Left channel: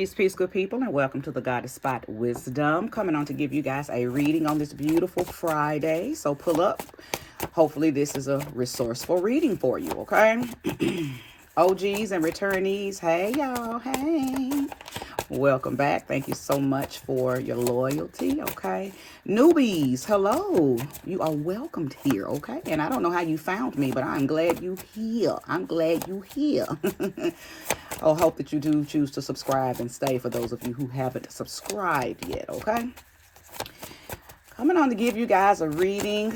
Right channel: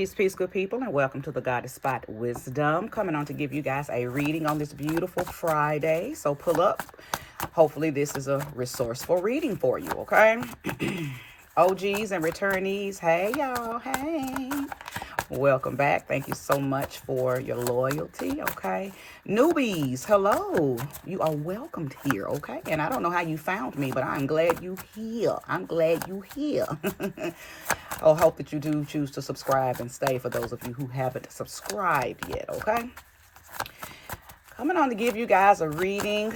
Peace, good people, and welcome to the Goddess Spot Wisdom. Coming on to give you guys a reading on this beautiful Friday. So pull up. Hopefully this is a resourceful reading for you, okay? OGs and returnees, hey y'all, hey. Welcome back. Thank you so much for your loyalty, okay? Newbies, hello. You are welcomed here, okay? And I don't know how you found me, but I'm glad you here. I'm glad you here. I hope that you do choose to subscribe and stay for those of you who haven't subscribed yet, okay? Coming on to give you guys a reading.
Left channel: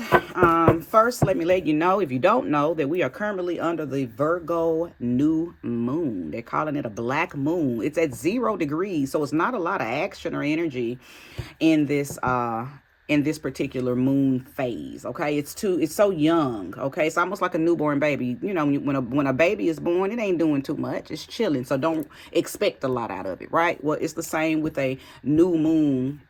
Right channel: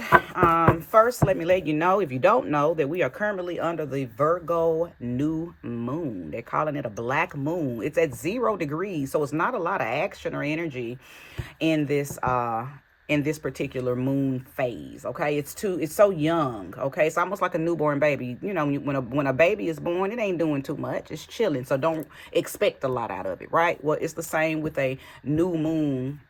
First, let me let you know, if you don't know, that we are currently under the Virgo new moon. They're calling it a black moon. It's at 0 degrees, so it's not a lot of action or energy in this particular moon phase. Okay, it's so young. Okay, it's almost like a newborn baby. You know, when a baby is born, it ain't doing too much. It's chilling, so don't expect a lot out of it, right? Well, it's the same with a new moon,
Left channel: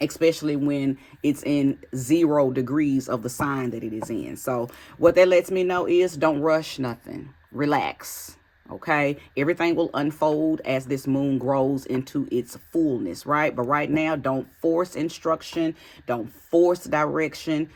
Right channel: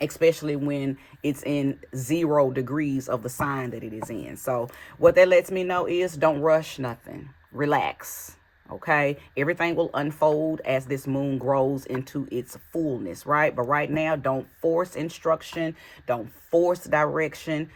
especially when it's in 0 degrees of the sign that it is in. So what that lets me know is don't rush nothing. Relax. Okay, everything will unfold as this moon grows into its fullness, right? But right now, don't force instruction, don't force direction,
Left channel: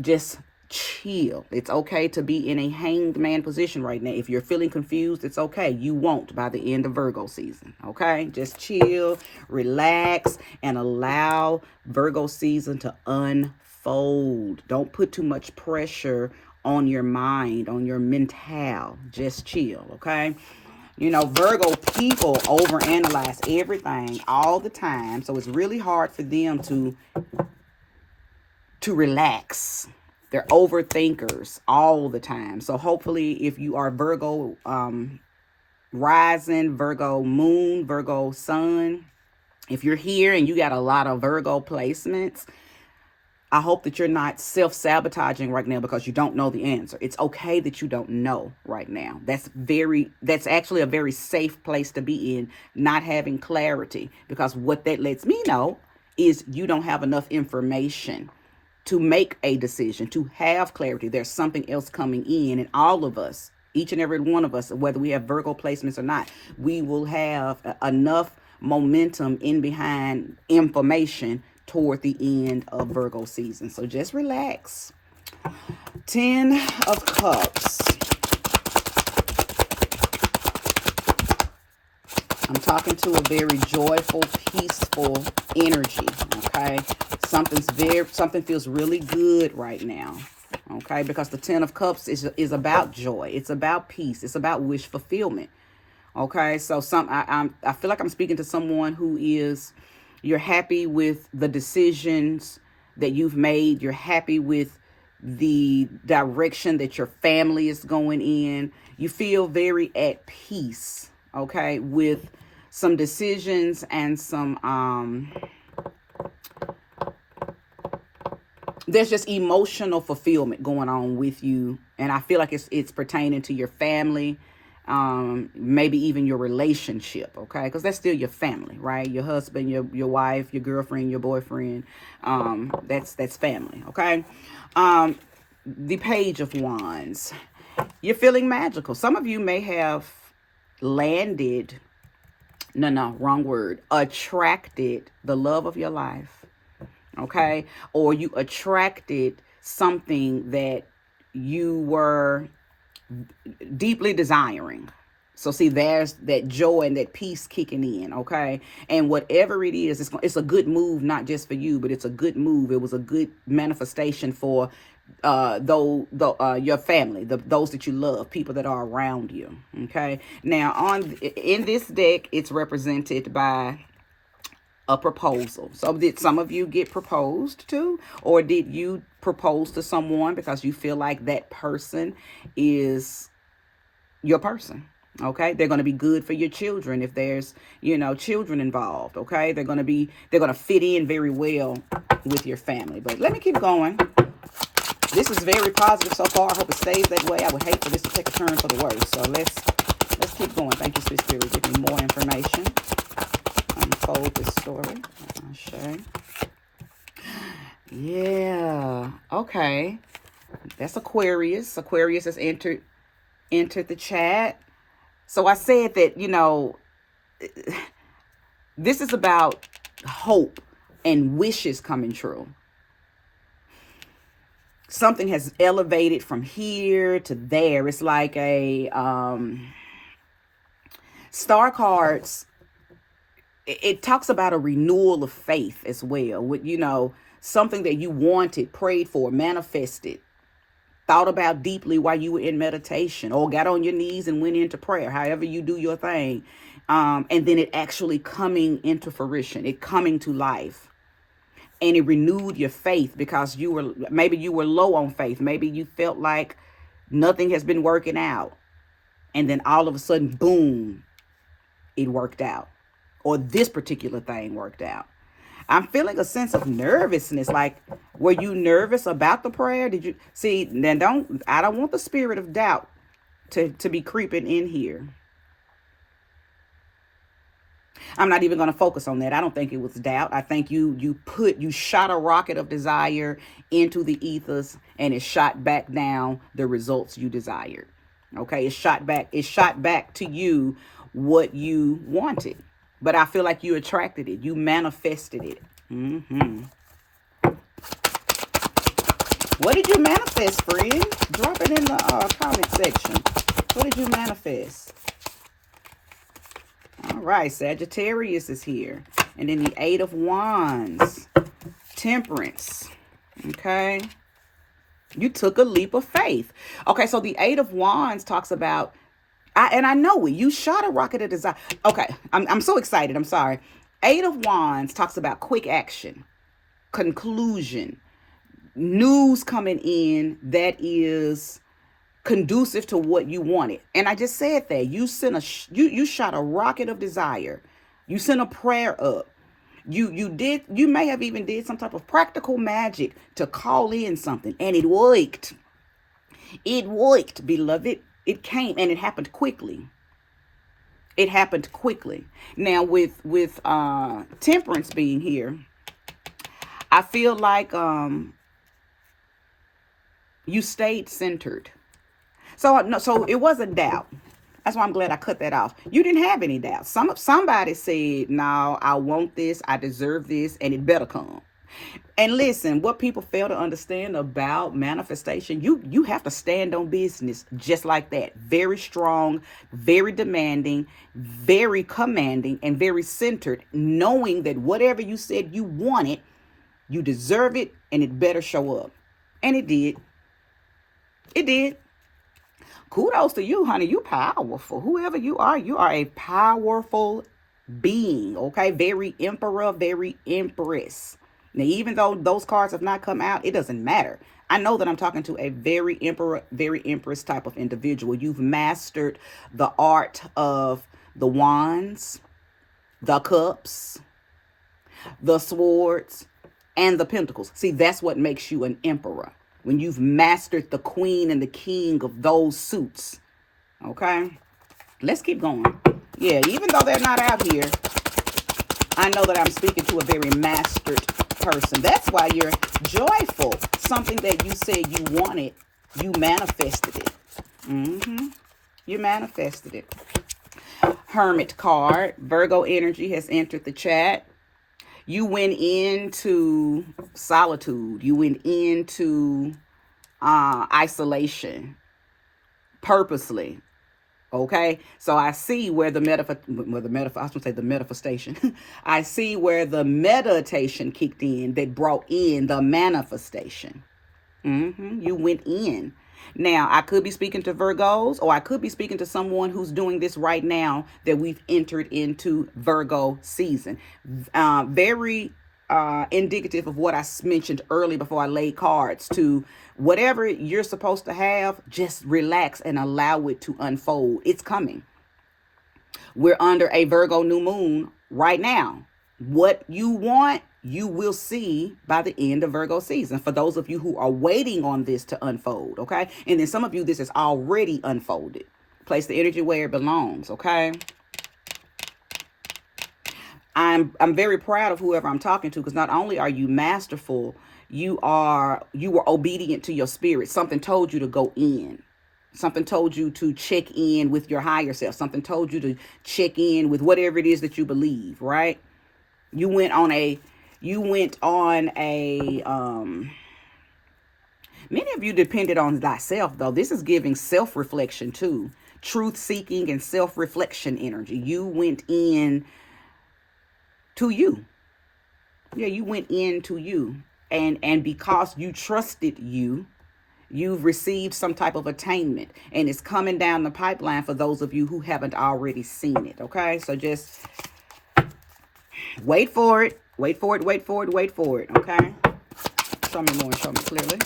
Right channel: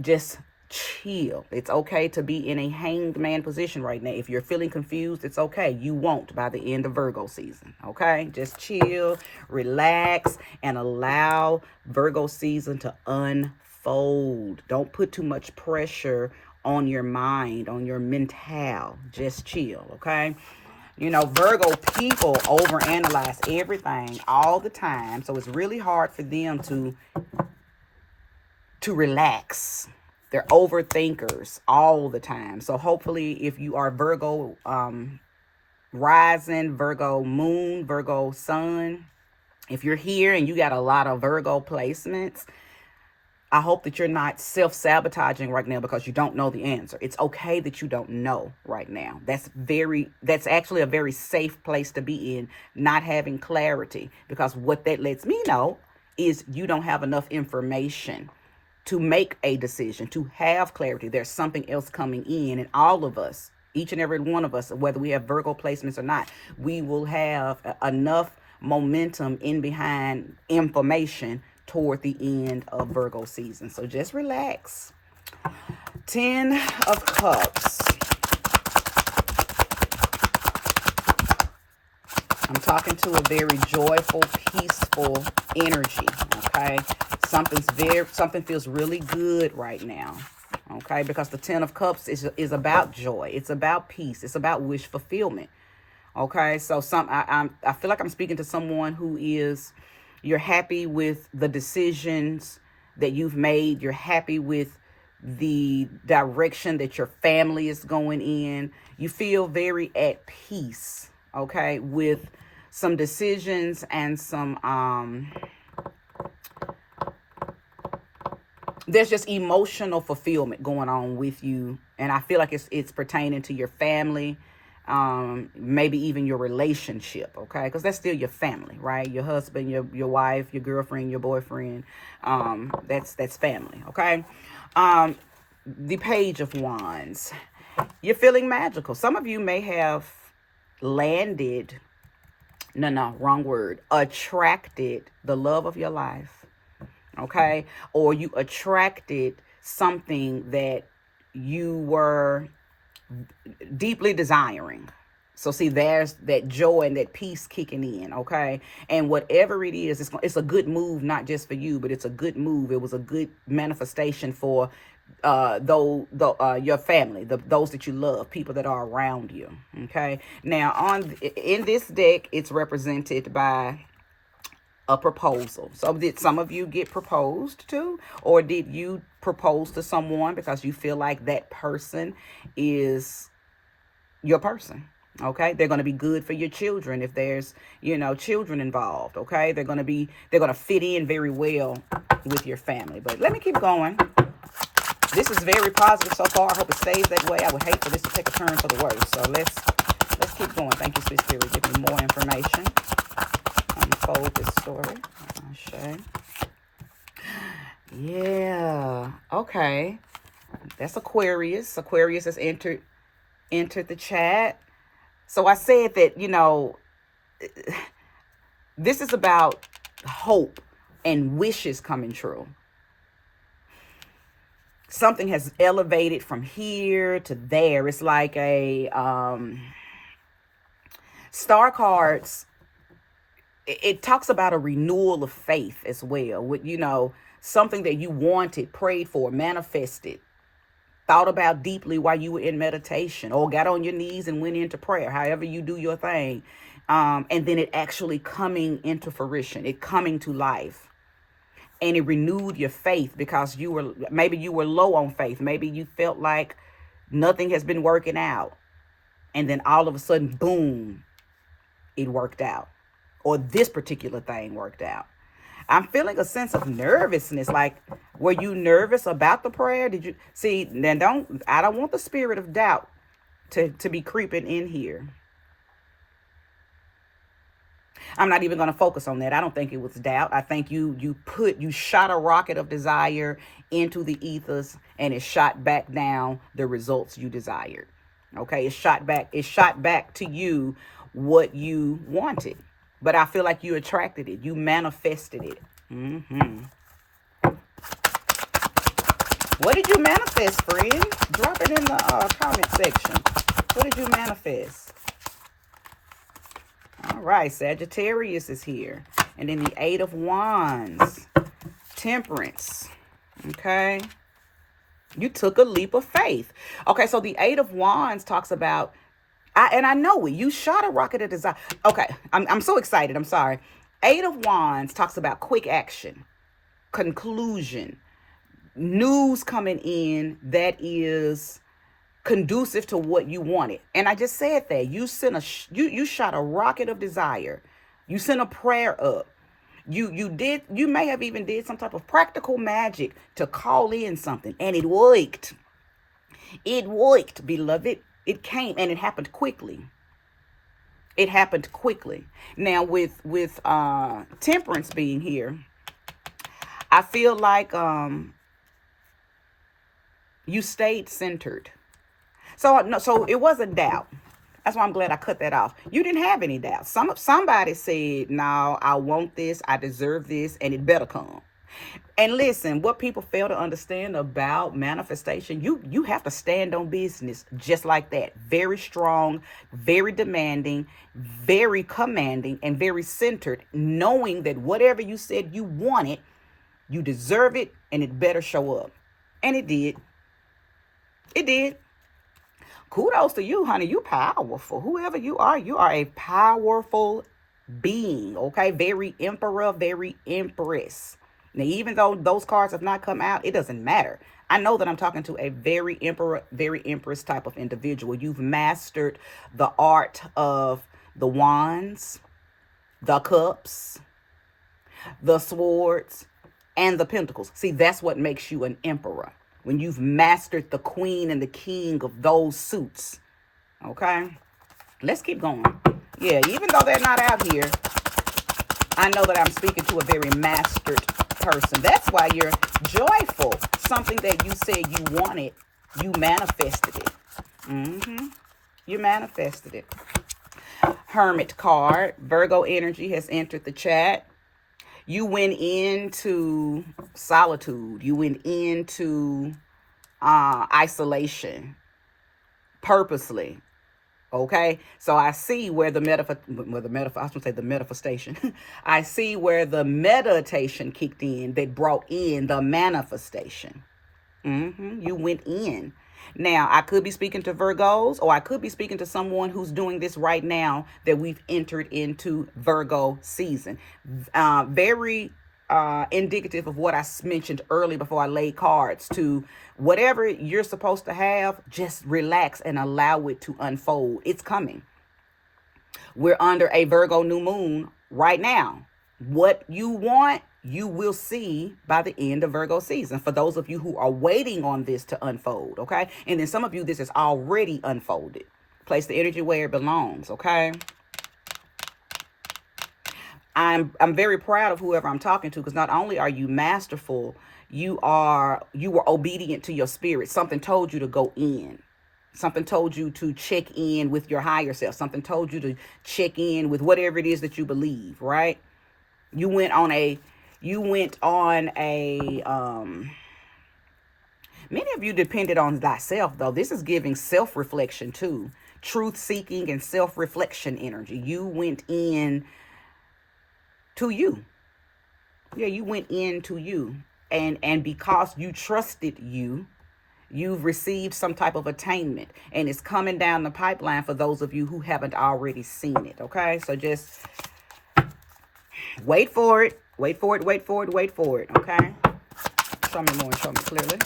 just chill. It's okay to be in a hanged man position right now. If you're feeling confused, it's okay. You won't by the end of Virgo season, okay? Just chill, relax, and allow Virgo season to unfold. Don't put too much pressure on your mind, on your mental. Just chill, okay? You know, Virgo people overanalyze everything all the time, so it's really hard for them to relax. They're overthinkers all the time. So hopefully if you are Virgo rising, Virgo moon, Virgo sun, if you're here and you got a lot of Virgo placements, I hope that you're not self-sabotaging right now because you don't know the answer. It's okay that you don't know right now. That's actually a very safe place to be in, not having clarity, because what that lets me know is you don't have enough information to make a decision, to have clarity. There's something else coming in, and all of us, each and every one of us, whether we have Virgo placements or not, we will have enough momentum in behind information toward the end of Virgo season. So just relax. 10 of Cups. I'm talking to a very joyful, peaceful energy, okay? Something feels really good right now, okay? Because the 10 of Cups is about joy. It's about peace. It's about wish fulfillment, okay? So I feel like I'm speaking to someone who you're happy with the decisions that you've made. You're happy with the direction that your family is going in. You feel very at peace, okay, with some decisions and some there's just emotional fulfillment going on with you, and I feel like it's pertaining to your family, maybe even your relationship, okay, because that's still your family, right? Your husband, your wife, your girlfriend, your boyfriend, that's family, okay? The Page of Wands. You're feeling magical. Some of you may have landed, wrong word, attracted the love of your life, okay? Or you attracted something that you were deeply desiring. So see, there's that joy and that peace kicking in, okay? And whatever it is, it's a good move, not just for you, but it's a good move. It was a good manifestation for your family, those that you love, people that are around you, okay? Now, in this deck, it's represented by a proposal. So did some of you get proposed to, or did you propose to someone because you feel like that person is your person? Okay, they're going to be good for your children if there's children involved. Okay, they're going to fit in very well with your family. But let me keep going. This is very positive so far. I hope it stays that way. I would hate for this to take a turn for the worse. So let's keep going. Thank you, Sweet Spirit, for giving me more information. Unfold this story. I'll show you. Yeah. Okay. That's Aquarius. Aquarius has entered the chat. So I said that, This is about hope and wishes coming true. Something has elevated from here to there. It's like a star cards. It talks about a renewal of faith as well. With, you know, something that you wanted, prayed for, manifested, thought about deeply while you were in meditation, or got on your knees and went into prayer, however you do your thing. And then it actually coming into fruition, it coming to life. And it renewed your faith because maybe you were low on faith. Maybe you felt like nothing has been working out. And then all of a sudden, boom, it worked out. Or this particular thing worked out. I'm feeling a sense of nervousness. Like, were you nervous about the prayer? Did you see? Then I don't want the spirit of doubt to be creeping in here. I'm not even going to focus on that. I don't think it was doubt. I think you shot a rocket of desire into the ethers, and it shot back down the results you desired. Okay, it shot back to you what you wanted. But I feel like you attracted it. You manifested it. What did you manifest, friend? Drop it in the comment section. What did you manifest? All right, Sagittarius is here. And then the Eight of Wands. Temperance. Okay. You took a leap of faith. Okay, so the Eight of Wands talks about, and I know it, you shot a rocket of desire. Okay, I'm so excited. I'm sorry. Eight of Wands talks about quick action, conclusion, news coming in that is conducive to what you wanted. And I just said that you shot a rocket of desire. You sent a prayer up. You may have even did some type of practical magic to call in something, and it worked. It worked, beloved. It came, and it happened quickly. It happened quickly. Now with Temperance being here, I feel like you stayed centered. So it wasn't doubt. That's why I'm glad I cut that off. You didn't have any doubt. Somebody said, "No, I want this. I deserve this, and it better come." And listen, what people fail to understand about manifestation, you have to stand on business just like that. Very strong, very demanding, very commanding, and very centered, knowing that whatever you said you wanted, you deserve it, and it better show up. And it did. It did. Kudos to you, honey. You powerful. Whoever you are a powerful being, okay? Very emperor, very empress. Now, even though those cards have not come out, it doesn't matter. I know that I'm talking to a very emperor, very empress type of individual. You've mastered the art of the wands, the cups, the swords, and the pentacles. See, that's what makes you an emperor. When you've mastered the queen and the king of those suits. Okay? Let's keep going. Yeah, even though they're not out here, I know that I'm speaking to a very mastered person. That's why you're joyful. Something that you said you wanted, you manifested it. You manifested it. Hermit card. Virgo energy has entered the chat. You went into solitude. You went into isolation purposely. Okay, so I see where the manifestation. I see where the meditation kicked in that brought in the manifestation. You went in. Now, I could be speaking to Virgos, or I could be speaking to someone who's doing this right now that we've entered into Virgo season. Very indicative of what I mentioned earlier before I laid cards to whatever you're supposed to have, just relax and allow it to unfold. It's coming. We're under a Virgo new moon right now. What you want, you will see by the end of Virgo season. For those of you who are waiting on this to unfold, okay? And then some of you, this is already unfolded. Place the energy where it belongs, okay? I'm very proud of whoever I'm talking to, because not only are you masterful, you were obedient to your spirit. Something told you to go in. Something told you to check in with your higher self. Something told you to check in with whatever it is that you believe, right? You went on a, many of you depended on thyself, though. This is giving self-reflection too. Truth-seeking and self-reflection energy. You went in to you. Yeah, you went into you. And because you trusted you, you've received some type of attainment. And it's coming down the pipeline for those of you who haven't already seen it, okay? So just wait for it. Wait for it, wait for it, wait for it, okay? Show me more, show me clearly.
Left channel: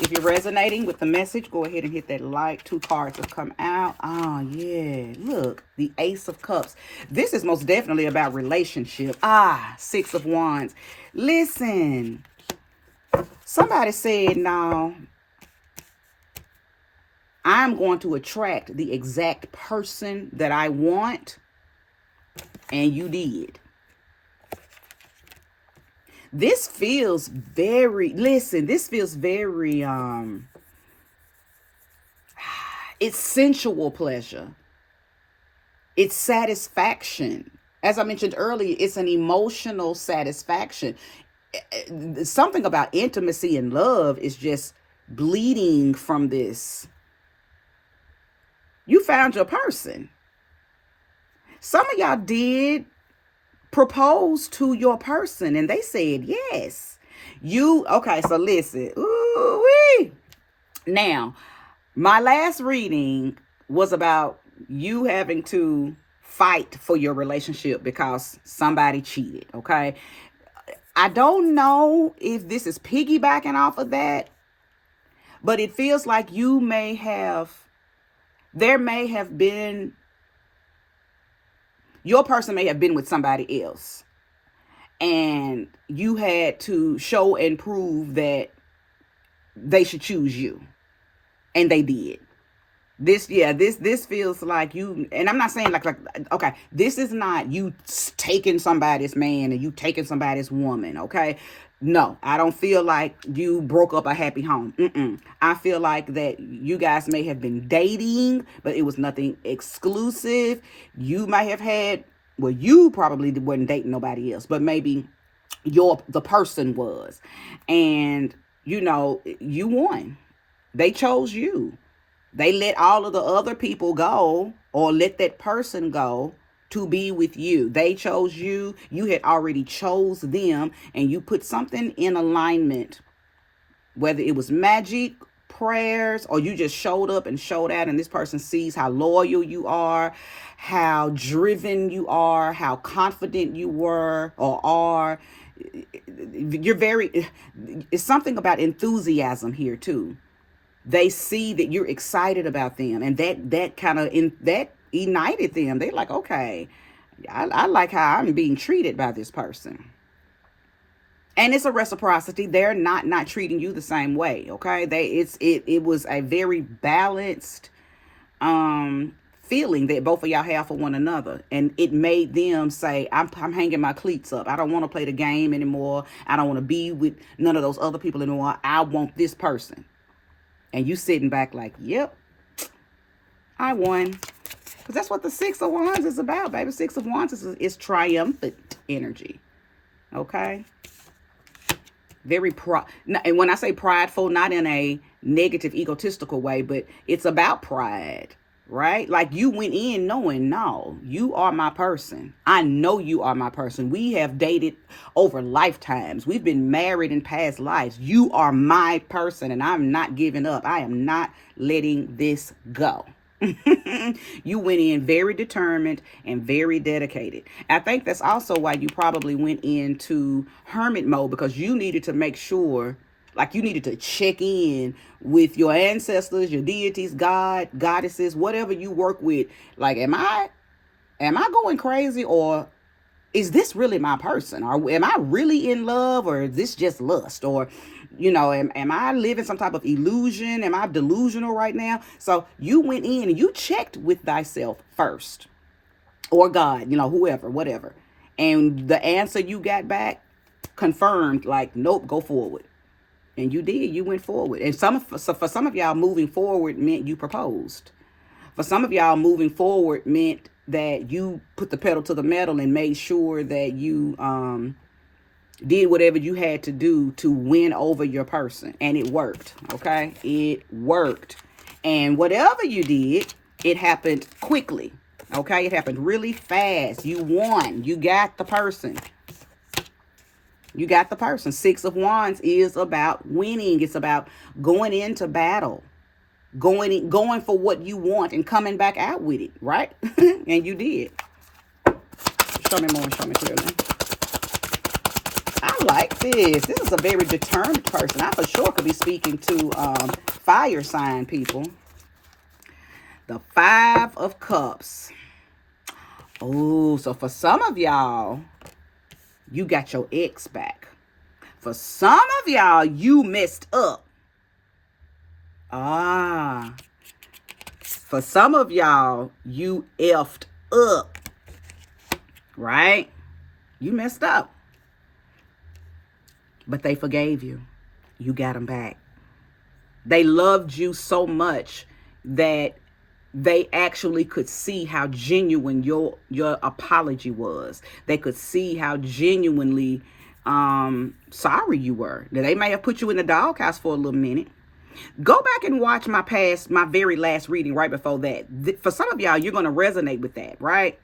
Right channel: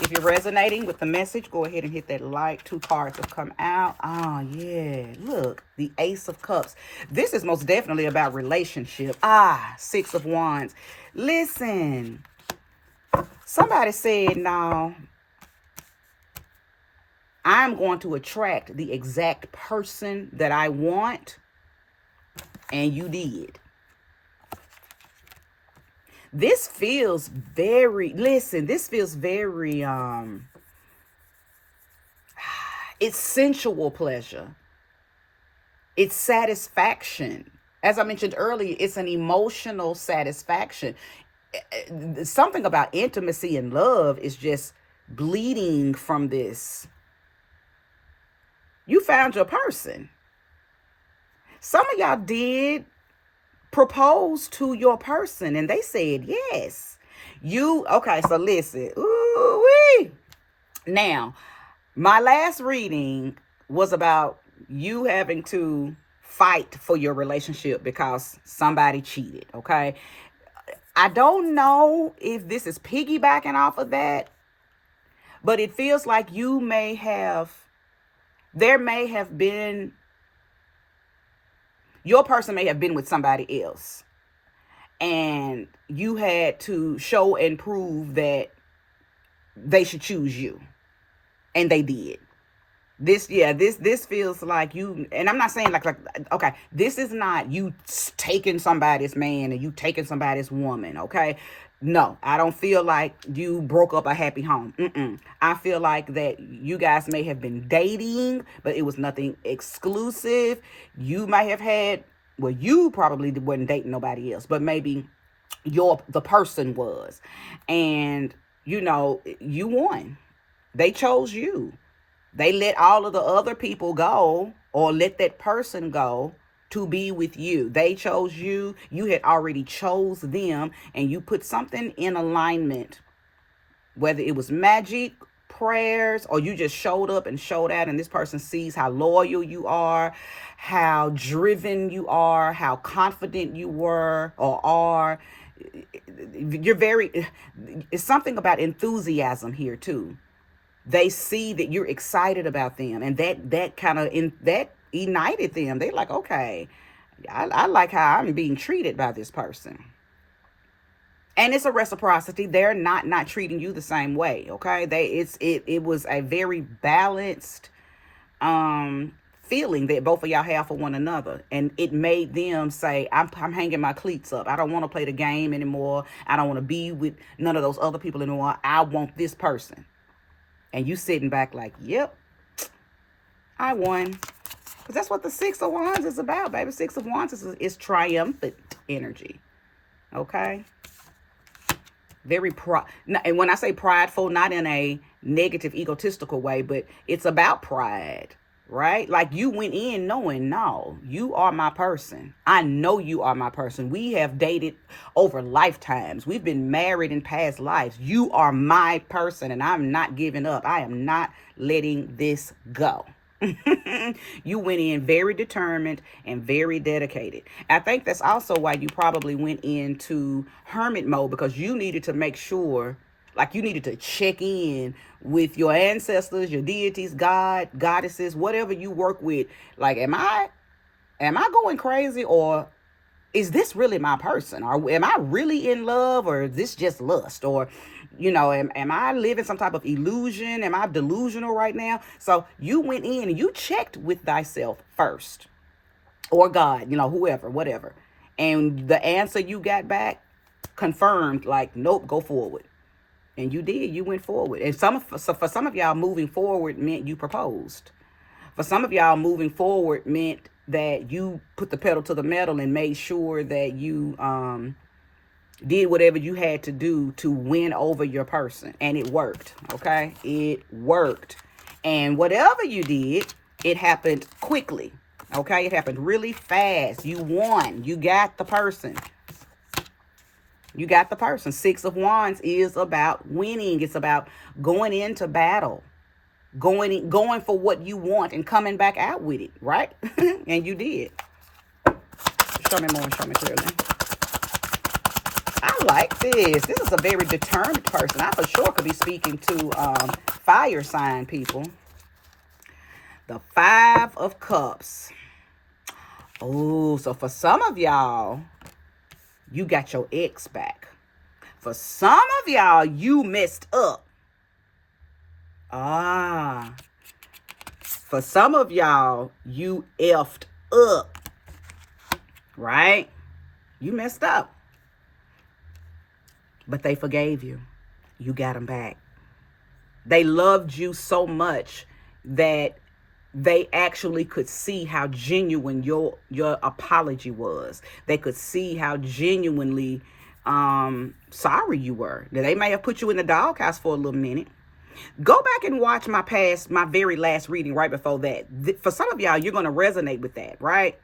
If you're resonating with the message, go ahead and hit that like. 2 cards have come out. Oh, yeah. Look, the Ace of Cups. This is most definitely about relationship. 6 of Wands. Listen. Somebody said, no, I'm going to attract the exact person that I want. And you did. This feels very, listen, this feels very, it's sensual pleasure. It's satisfaction. As I mentioned earlier, it's an emotional satisfaction. Something about intimacy and love is just bleeding from this. You found your person. Some of y'all did propose to your person and they said yes. Okay, so listen. Ooh-wee. Now, my last reading was about you having to fight for your relationship because somebody cheated, okay? I don't know if this is piggybacking off of that, but it feels like there may have been, your person may have been with somebody else and you had to show and prove that they should choose you, and they did. This feels like you, and I'm not saying like okay, this is not you taking somebody's man and you taking somebody's woman, okay? No, I don't feel like you broke up a happy home. I feel like that you guys may have been dating, but it was nothing exclusive. You might have had, well, you probably wasn't dating nobody else, but maybe the person was, and you know, you won. They chose you. They let all of the other people go, or let that person go to be with you. They chose you. You had already chose them, and you put something in alignment, whether it was magic, prayers, or you just showed up and showed out, and this person sees how loyal you are, how driven you are, how confident you were or are. It's something about enthusiasm here too. They see that you're excited about them, and that ignited them. They're like, okay, I like how I'm being treated by this person. And it's a reciprocity. They're not treating you the same way, okay? It was a very balanced feeling that both of y'all have for one another, and it made them say, I'm hanging my cleats up. I don't want to play the game anymore. I don't want to be with none of those other people anymore. I want this person. And you sitting back like, yep, I won. Because that's what the 6 of Wands is about, baby. 6 of Wands is triumphant energy. Okay? And when I say prideful, not in a negative, egotistical way, but it's about pride, right? Like you went in knowing, no, you are my person. I know you are my person. We have dated over lifetimes. We've been married in past lives. You are my person, and I'm not giving up. I am not letting this go. You went in very determined and very dedicated. I think that's also why you probably went into hermit mode, because you needed to make sure, like you needed to check in with your ancestors, your deities, God, goddesses, whatever you work with. Like, am I going crazy, or is this really my person? Or am I really in love, or is this just lust? Or, you know, am I living some type of illusion? Am I delusional right now? So you went in and you checked with thyself first, or God, you know, whoever, whatever. And the answer you got back confirmed, like, nope, go forward. And you did. You went forward. And for some of y'all, moving forward meant you proposed. For some of y'all, moving forward meant that you put the pedal to the metal and made sure that you did whatever you had to do to win over your person. And it worked. Okay? It worked. And whatever you did, it happened quickly. Okay? It happened really fast. You won. You got the person. You got the person. Six of Wands is about winning. It's about going into battle. Going for what you want and coming back out with it, right? And you did. Show me more, show me clearly. I like this. This is a very determined person. I for sure could be speaking to fire sign people. The Five of Cups. Oh, so for some of y'all, you got your ex back. For some of y'all, you messed up. For some of y'all, you effed up. Right? You messed up. But they forgave you. You got them back. They loved you so much that they actually could see how genuine your apology was. They could see how genuinely sorry you were. Now, they may have put you in the doghouse for a little minute. Go back and watch my very last reading right before that. For some of y'all, you're going to resonate with that, right?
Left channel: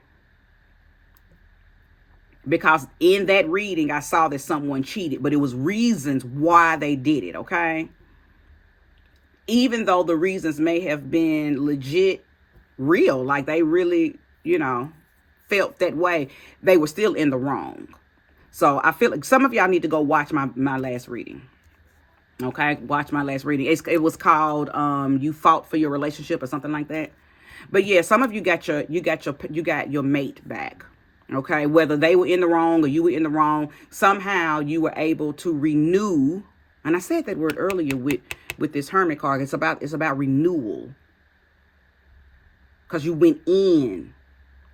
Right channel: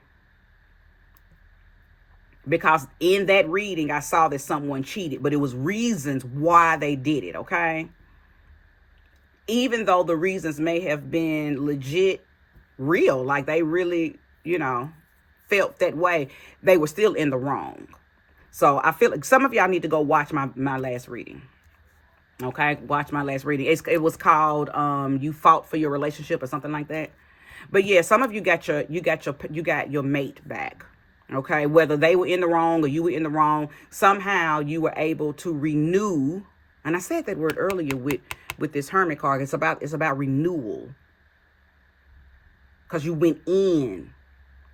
Because in that reading, I saw that someone cheated, but it was reasons why they did it, okay? Even though the reasons may have been legit, real, like they really, felt that way, they were still in the wrong. So I feel like some of y'all need to go watch my last reading. Okay, watch my last reading. It was called "You Fought for Your Relationship" or something like that. But yeah, some of you got your mate back. Okay, whether they were in the wrong or you were in the wrong, somehow you were able to renew. And I said that word earlier with this Hermit card. It's about renewal. Because you went in,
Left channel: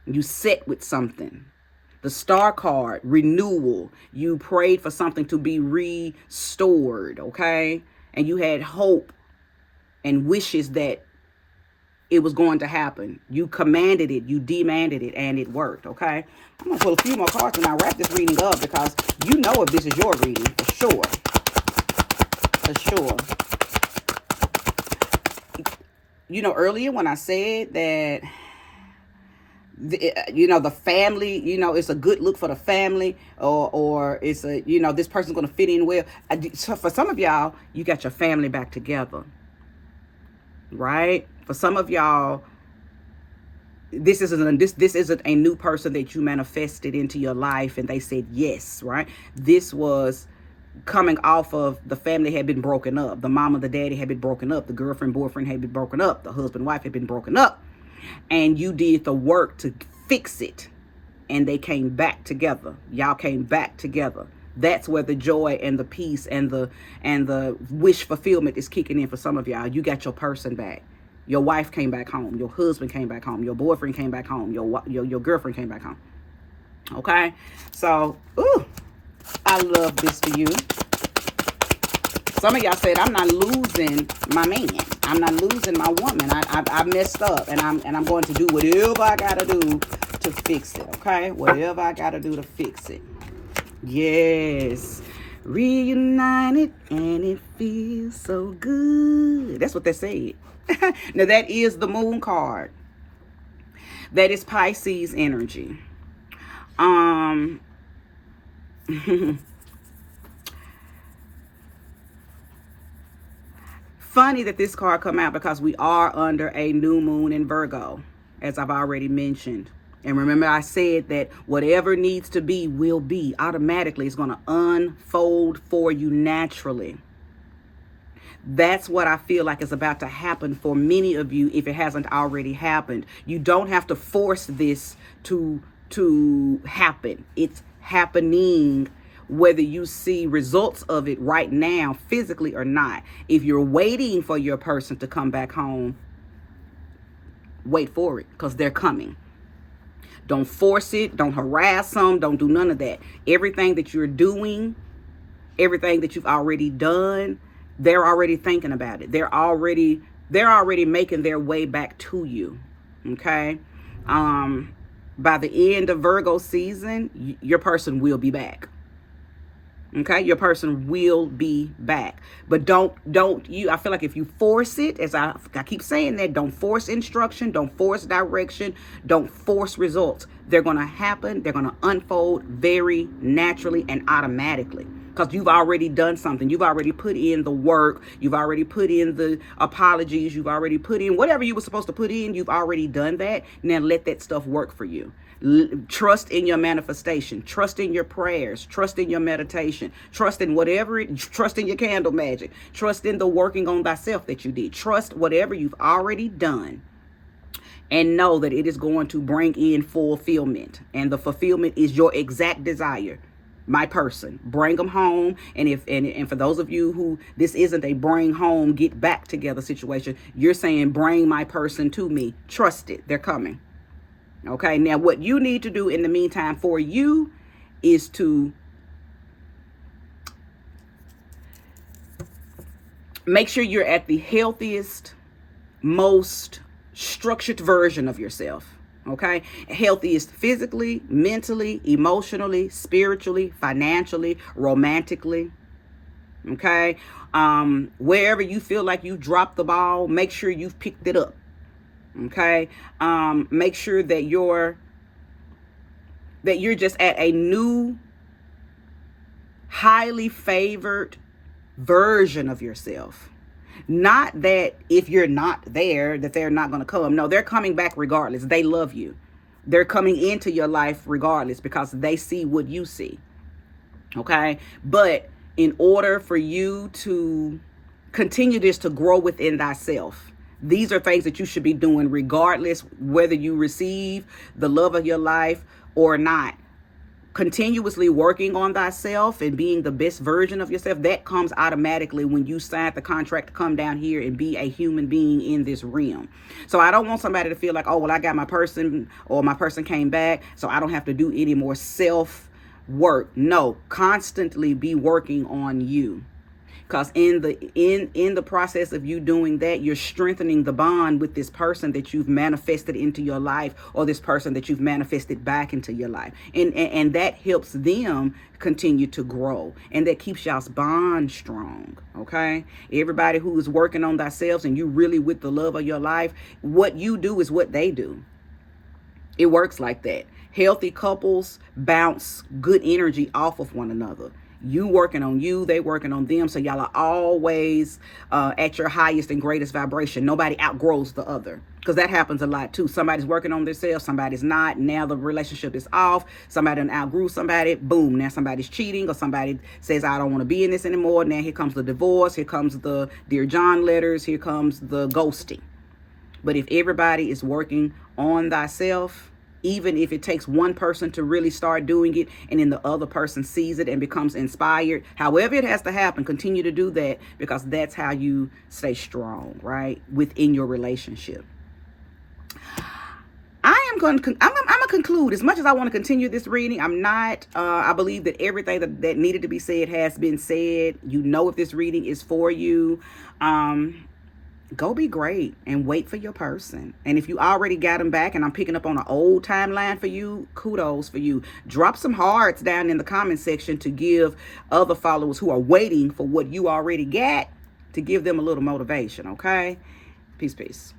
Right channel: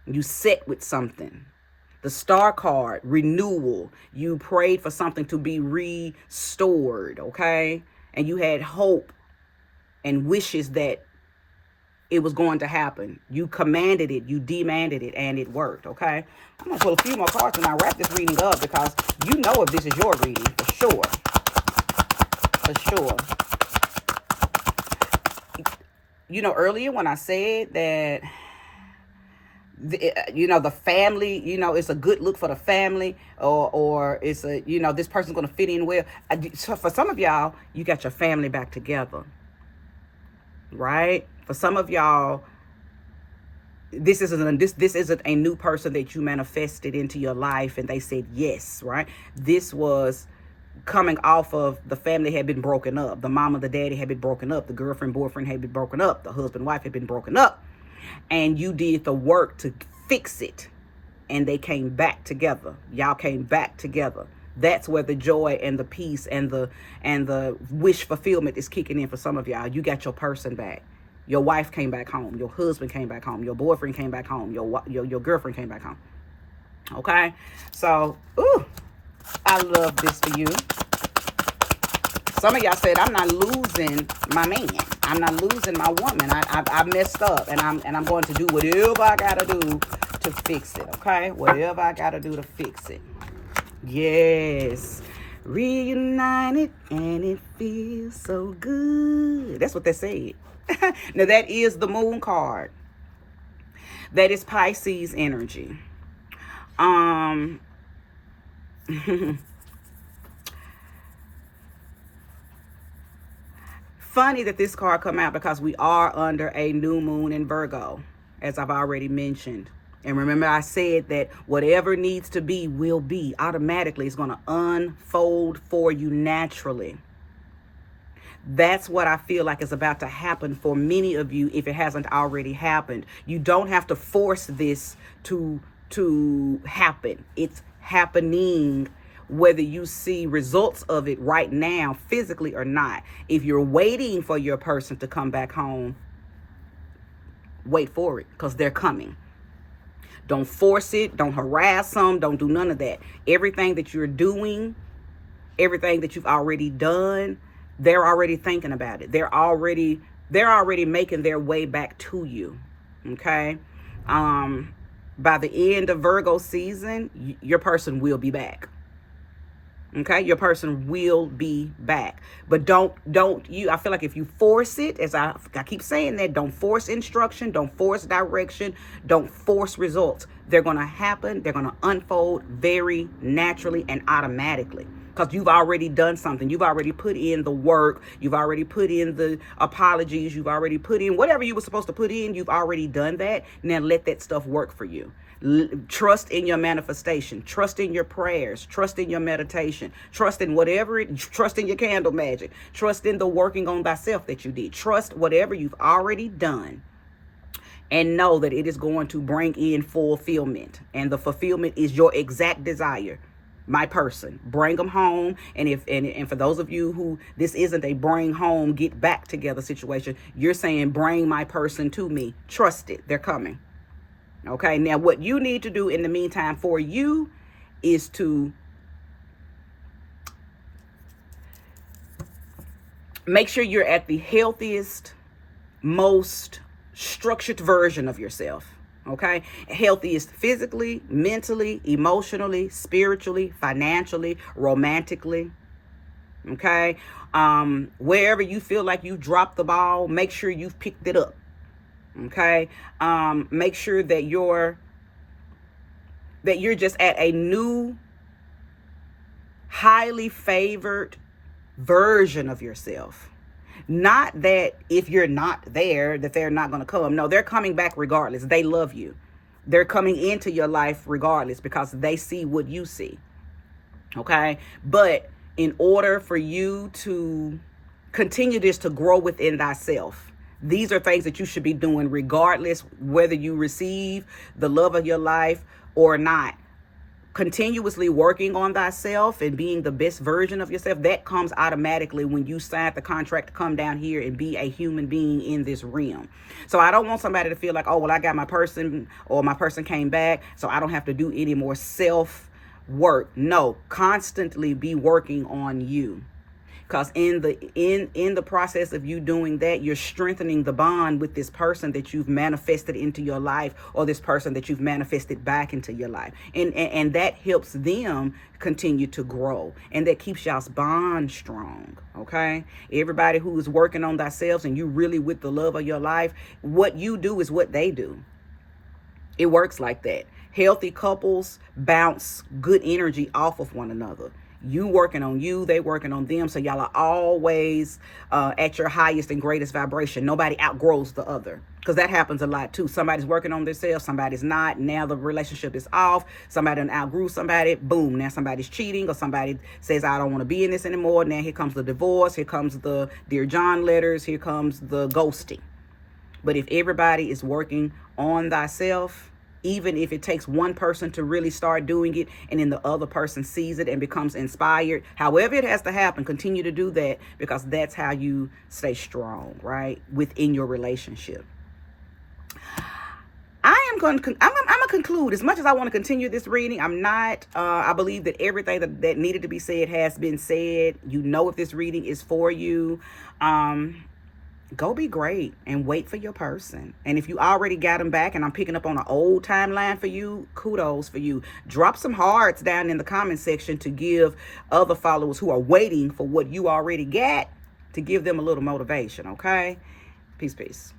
you set with something. The Star card, renewal. You prayed for something to be restored, okay? And you had hope and wishes that it was going to happen. You commanded it, you demanded it, and it worked, okay? I'm going to pull a few more cards and I wrap this reading up because you know if this is your reading, for sure. For sure. Earlier when I said that the family, it's a good look for the family, or it's this person's going to fit in well. So for some of y'all, you got your family back together, right? For some of y'all, this isn't a new person that you manifested into your life and they said yes, right? This was coming off of the family had been broken up. The mama, the daddy had been broken up. The girlfriend, boyfriend had been broken up. The husband, wife had been broken up. And you did the work to fix it. And they came back together. Y'all came back together. That's where the joy and the peace and the wish fulfillment is kicking in for some of y'all. You got your person back. Your wife came back home. Your husband came back home. Your boyfriend came back home. Your girlfriend came back home. Okay? So, I love this for you. Some of y'all said, I'm not losing my man. I'm not losing my woman. I messed up, and I'm going to do whatever I got to do to fix it, okay? Whatever I got to do to fix it. Yes. Reunited, and it feels so good. That's what they said. Now, that is the Moon card. That is Pisces energy. Funny that this card come out because we are under a new moon in Virgo, as I've already mentioned. And remember, I said that whatever needs to be will be. Automatically, it's going to unfold for you naturally. That's what I feel like is about to happen for many of you if it hasn't already happened. You don't have to force this to happen. It's happening whether you see results of it right now, physically or not. If you're waiting for your person to come back home, wait for it, because they're coming. Don't force it. Don't harass them. Don't do none of that. Everything that you're doing, everything that you've already done, They're already thinking about it. They're already making their way back to you. Okay. By the end of Virgo season, your person will be back. Okay, your person will be back. But don't you, I feel like if you force it, as I keep saying that, don't force instruction, don't force direction, don't force results. They're going to happen, they're going to unfold very naturally and automatically, because you've already done something. You've already put in the work, you've already put in the apologies, you've already put in whatever you were supposed to put in. You've already done that. Now let that stuff work for you. Trust in your manifestation, trust in your prayers, trust in your meditation, trust in trust in your candle magic, trust in the working on thyself that you did. Trust whatever you've already done, and know that it is going to bring in fulfillment, and the fulfillment is your exact desire. My person, bring them home. And for those of you who this isn't a bring home, get back together situation, you're saying bring my person to me. Trust it, they're coming. Okay, now what you need to do in the meantime for you is to make sure you're at the healthiest, most structured version of yourself. Okay, healthiest physically, mentally, emotionally, spiritually, financially, romantically. Okay, wherever you feel like you dropped the ball, make sure you've picked it up. Okay, make sure that you're just at a new, highly favored version of yourself. Not that if you're not there, that they're not going to come. No, they're coming back regardless. They love you. They're coming into your life regardless, because they see what you see. Okay, but in order for you to continue this, to grow within thyself, these are things that you should be doing regardless whether you receive the love of your life or not. Continuously working on thyself and being the best version of yourself, that comes automatically when you sign the contract to come down here and be a human being in this realm. So I don't want somebody to feel like, oh, well, I got my person, or my person came back, so I don't have to do any more self work. No, constantly be working on you. Because in the process of you doing that, you're strengthening the bond with this person that you've manifested into your life, or this person that you've manifested back into your life. And that helps them continue to grow. And that keeps y'all's bond strong. Okay? Everybody who is working on themselves and you really with the love of your life, what you do is what they do. It works like that. Healthy couples bounce good energy off of one another. You working on you, they working on them, so y'all are always at your highest and greatest vibration. Nobody outgrows the other, because that happens a lot too. Somebody's working on themselves, somebody's not. Now the relationship is off. Somebody done outgrew somebody. Boom, now somebody's cheating, or somebody says, I don't want to be in this anymore. Now here comes the divorce, here comes the Dear John letters, here comes the ghosting. But if everybody is working on thyself, even if it takes one person to really start doing it, and then the other person sees it and becomes inspired, however it has to happen, continue to do that, because that's how you stay strong, right, within your relationship. I'm going to conclude. As much as I want to continue this reading, I'm not. I believe that everything that needed to be said has been said. You know, if this reading is for you, go be great and wait for your person. And if you already got them back, and I'm picking up on an old timeline for you, kudos for you. Drop some hearts down in the comment section to give other followers who are waiting for what you already got, to give them a little motivation. Okay, peace.